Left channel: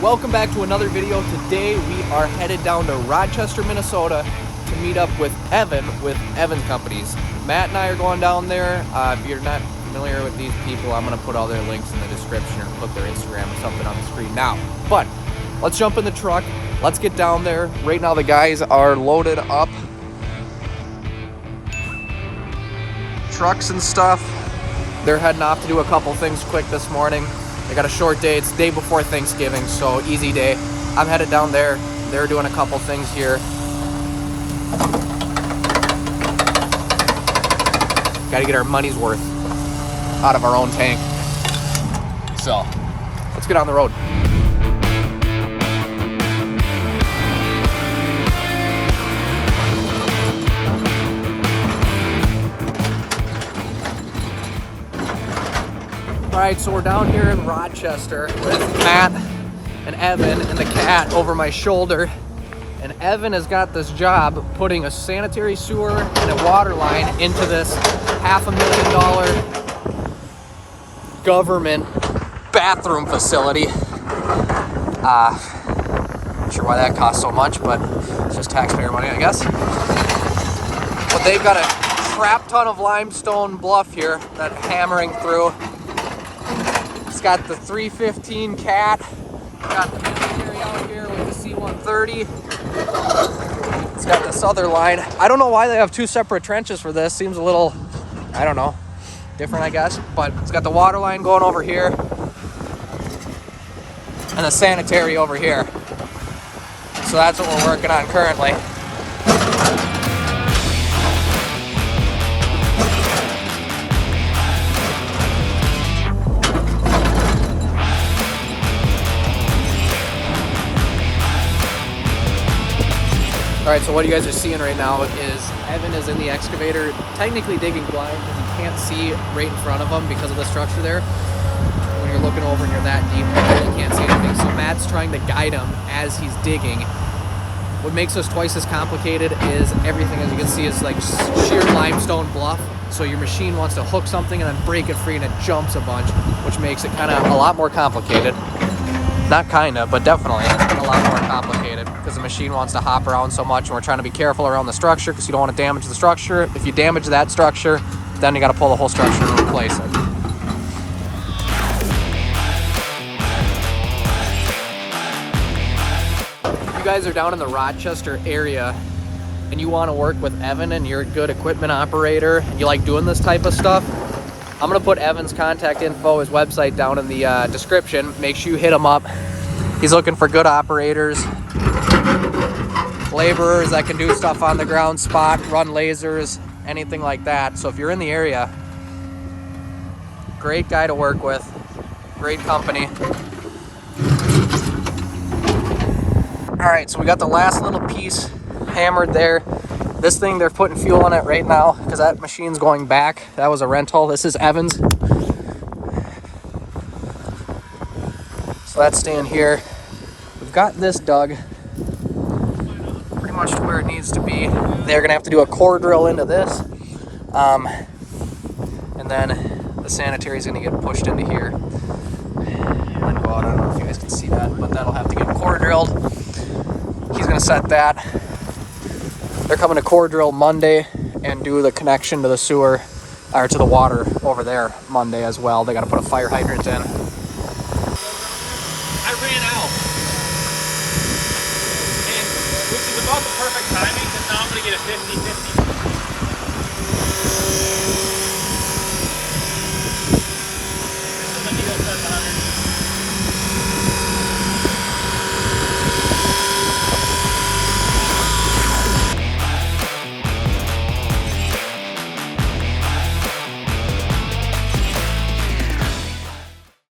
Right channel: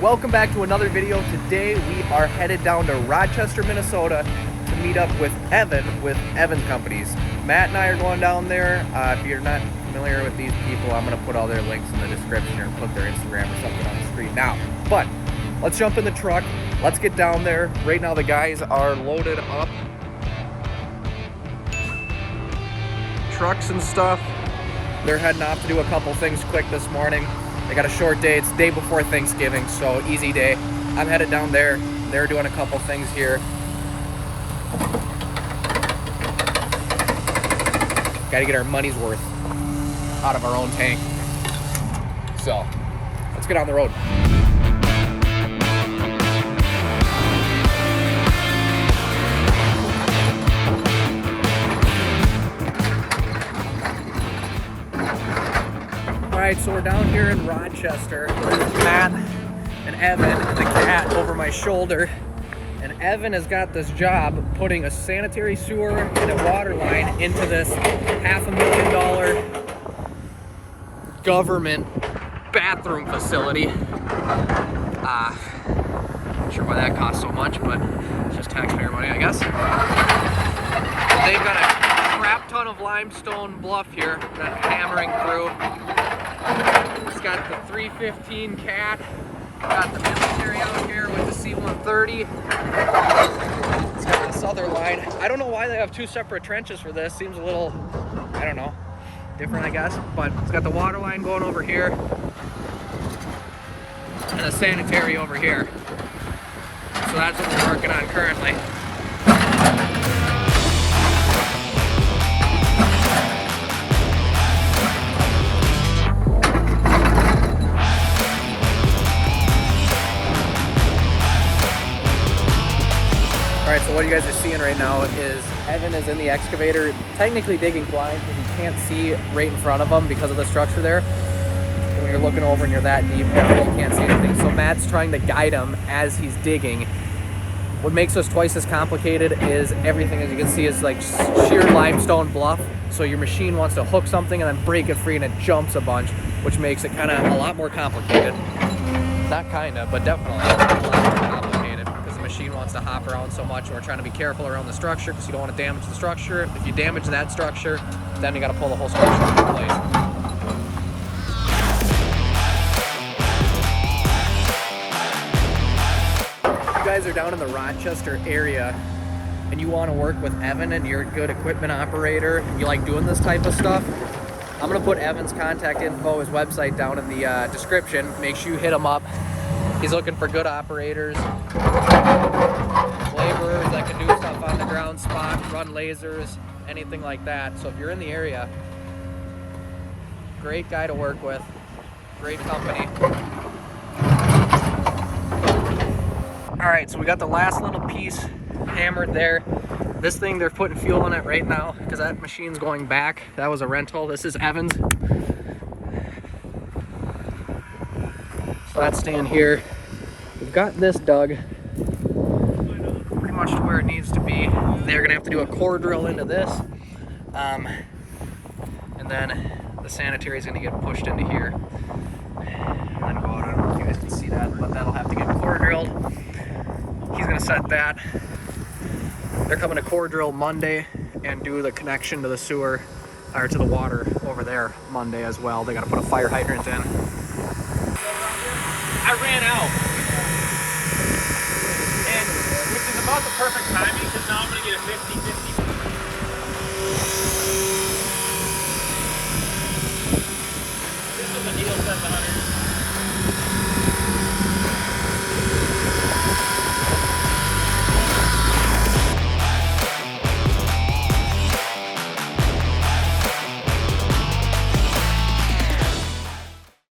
Welcome back to another video. Today we are headed down to Rochester, Minnesota to meet up with Evan with Evan Companies. Matt and I are going down there. If you're not familiar with these people, I'm going to put all their links in the description or put their Instagram or something on the screen now. But let's jump in the truck. Let's get down there. Right now the guys are loaded up. Trucks and stuff. They're heading off to do a couple things quick this morning. They got a short day. It's the day before Thanksgiving, so easy day. I'm headed down there. They're doing a couple things here. Got to get our money's worth out of our own tank. So let's get on the road. All right, so we're down here in Rochester with Matt and Evan and the cat over my shoulder. And Evan has got this job putting a sanitary sewer and a water line into this $500,000 government bathroom facility. Not sure why that costs so much, but it's just taxpayer money, I guess. But they've got a crap ton of limestone bluff here that they're hammering through. It's got the 315 cat, got the military out here with the C-130. It's got this other line. I don't know why they have two separate trenches for this. Seems a little, I don't know, different I guess. But it's got the water line going over here and a sanitary over here. So that's what we're working on currently. All right, so what you guys are seeing right now is Evan is in the excavator, technically digging blind, because you can't see right in front of him because of the structure there. When you're looking over and you're that deep, you can't see anything. So Matt's trying to guide him as he's digging. What makes this twice as complicated is everything, as you can see, is like sheer limestone bluff. So your machine wants to hook something and then break it free, and it jumps a bunch, which makes it kind of a lot more complicated. Not kind of, but definitely a lot more complicated. The machine wants to hop around so much, and we're trying to be careful around the structure because you don't want to damage the structure. If you damage that structure, then you got to pull the whole structure into place. If you guys are down in the Rochester area and you want to work with Evan and you're a good equipment operator, you like doing this type of stuff, I'm going to put Evan's contact info, his website, down in the description. Make sure you hit him up. He's looking for good operators, laborers that can do stuff on the ground, spot, run lasers, anything like that. So if you're in the area, great guy to work with, great company. All right, so we got the last little piece hammered there. This thing, they're putting fuel in it right now because that machine's going back. That was a rental. This is Evan's. So that's staying here. We've got this dug pretty much to where it needs to be. They're gonna have to do a core drill into this. And then the sanitary is gonna get pushed into here. And then go out. I don't know if you guys can see that, but that'll have to get core drilled. He's gonna set that. They're coming to core drill Monday and do the connection to the sewer, or to the water over there Monday as well. They gotta put a fire hydrant in. I ran out, and which is about the perfect timing because now I'm going to get a 50-50